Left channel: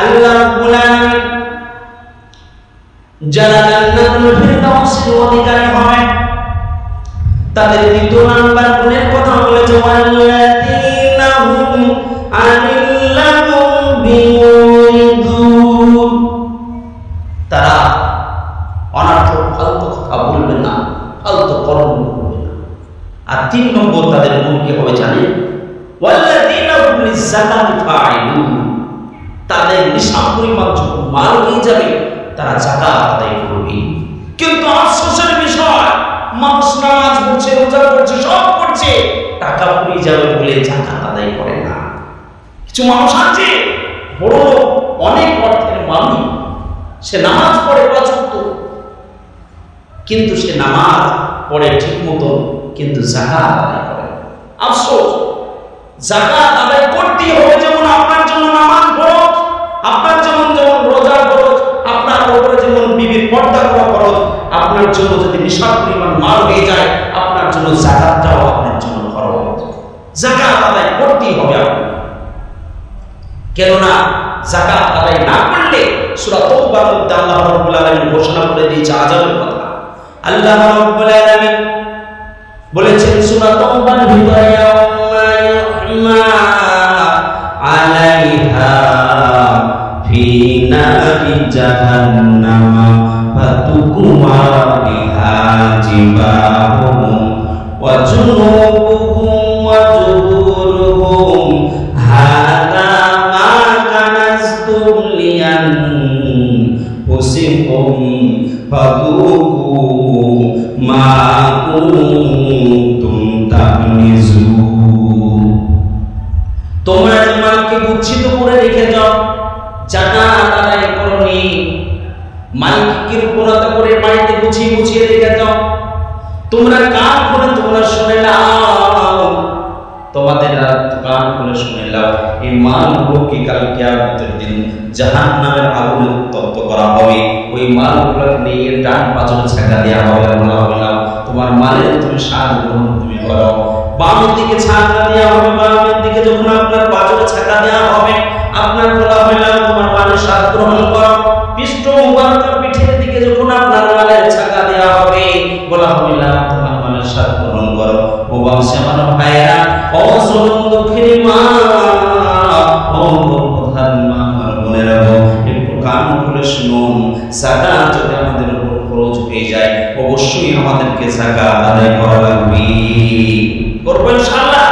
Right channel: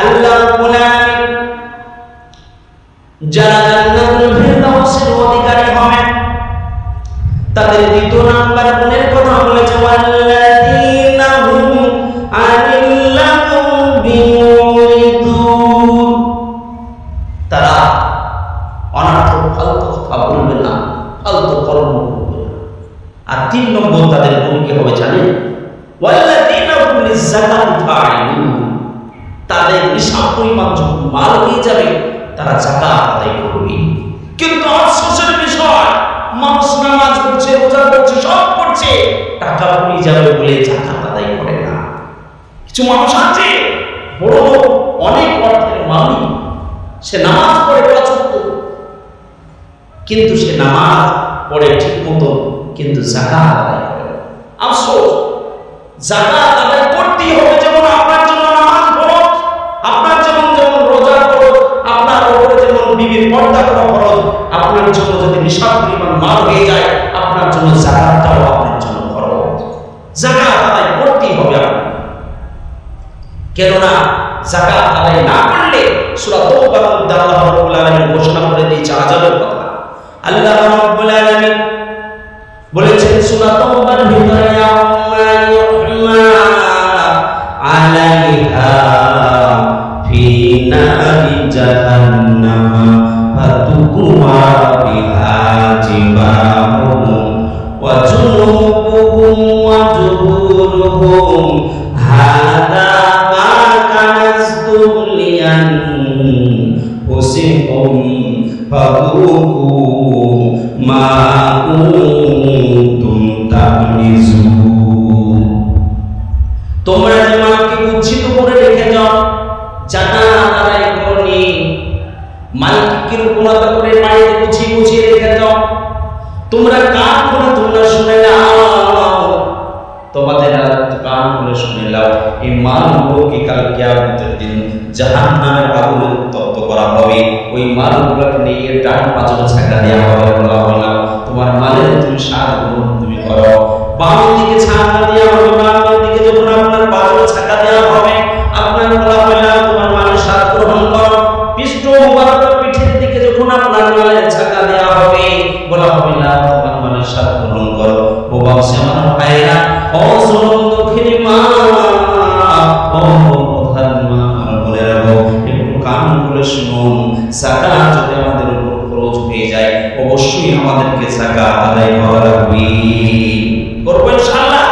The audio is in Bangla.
আল্লাহ রাব্বুল আলামিন যারা জান্নাতুল ফিরদাউসের অধিকারী হবে তাদের দ্বিতীয় নাম্বার গুণের কথা বলেছে, ওয়াল্লাযীনা হুম আনিল লাগবি মুরিদুন, তারা অনর্থক ফালতু কথা বলবে না, ফালতু কর্ম করবে না। আর 3 নম্বর তাদের গুণ কি হবে জানেন? ওয়াল্লাযীনা হুম লিযাকাতি ফাইলুন, তাদের নিসাব পরিমাণ যখন মাল হয়ে যাবে তারা যাকাত আদায় করবে। কিন্তু আফসোসের বিষয়, মানুষ নামাজ পড়ছে, রোজা করছে, সব করছে, টাকা পুড়ে যাবে বলে যাকাত আদায় করে না। কিছু মানুষ আছে বড় লোক, অনেক অর্থের মালিক, সে নামাজ পড়ে 5 ওয়াক্ত, কিন্তু সে নামাজ পড়ে ঠিক মতো, কিন্তু যাকাত আদায় করে না। আফসোস, যাকাত আদায় করতেই হবে। যেমন আপনার জন্য নামাজ ফরজ, আপনার যেমন রোজা ফরজ, আপনার উপরে যেমন বিবির পর্দা করা ফরজ, আপনার জন্য যদি নিসাব পরিমাণ মাল হয়ে যায়, আপনার জন্য যাকাতটাও আপনার জন্য ফরজ। যাকাত আদায় করতেই হবে আপনাকে, কেননা যাকাত আদায় না করলে সূরা তাওবার মধ্যে আল্লাহ রাব্বুল আলামিন ঘোষণা করে দিয়েছে আযাবের কথা। আল্লাহ রাব্বুল আলামিন বলেছেন সূরা তাওবার ভিতরে, ইয়াউমা ইউহমা আলাইহা ফি নারি জাহান্নামা ফাতুকুয়া বিহা জিবাহুম ওয়া জুনুবুহুম ওয়া জুহুরুহুম হাদা মা কানাজতুম লিআনফুসিকুম ফাযুকু মা কুনতুম তাকনিজুন। তোমরা যে মালকে গুচ্ছিত করে রেখে যাও, যাকাত আদায় করনি, মালকে কৃপণতা করে বাড়িতে গুছিয়ে গুছিয়ে রেখে যাও, তোমরা কান খুলে তোমরা শুনে নাও, তোমাদের কান খুলে শুনে নাও, এই মালগুলোকে কাল কিয়ামতের দিন জাহান্নামের আগুনে উত্তপ্ত করা হবে। ওই মালগুলোকে নিয়ে ডান পাঁজরে ছাকা দেওয়া হবে, বলা হবে না তোমার মালের তুমি স্বাদ গ্রহণ তুমি করো। বামের দিকে ছাকা দেওয়া হবে, বামের দিকে যখন আপনার পাঁজরে ছাকা দেওয়া হবে, আপনার বলা হয় না তোমার মালের স্বাদ গ্রহণ করো। পৃষ্ঠ মুবারক পিঠের দিকে যখন আপনার মালের ছাকা দেওয়া হবে, বলা হবে না তোমার মালের স্বাদ গ্রহণ করো। ও বাবসে আমার ভাইরা, ও জনম দক্ষিণী মা, ও প্রধান মা, আমার বোনেরা, একটু কান খুলে শুনুন। যাকাত যদি আমাদের উপর খরচ হয়ে যায়, অবশ্যই আমাদেরকে যাকাত আদায় করা লাগবে। করবো ইনশাআল্লাহ।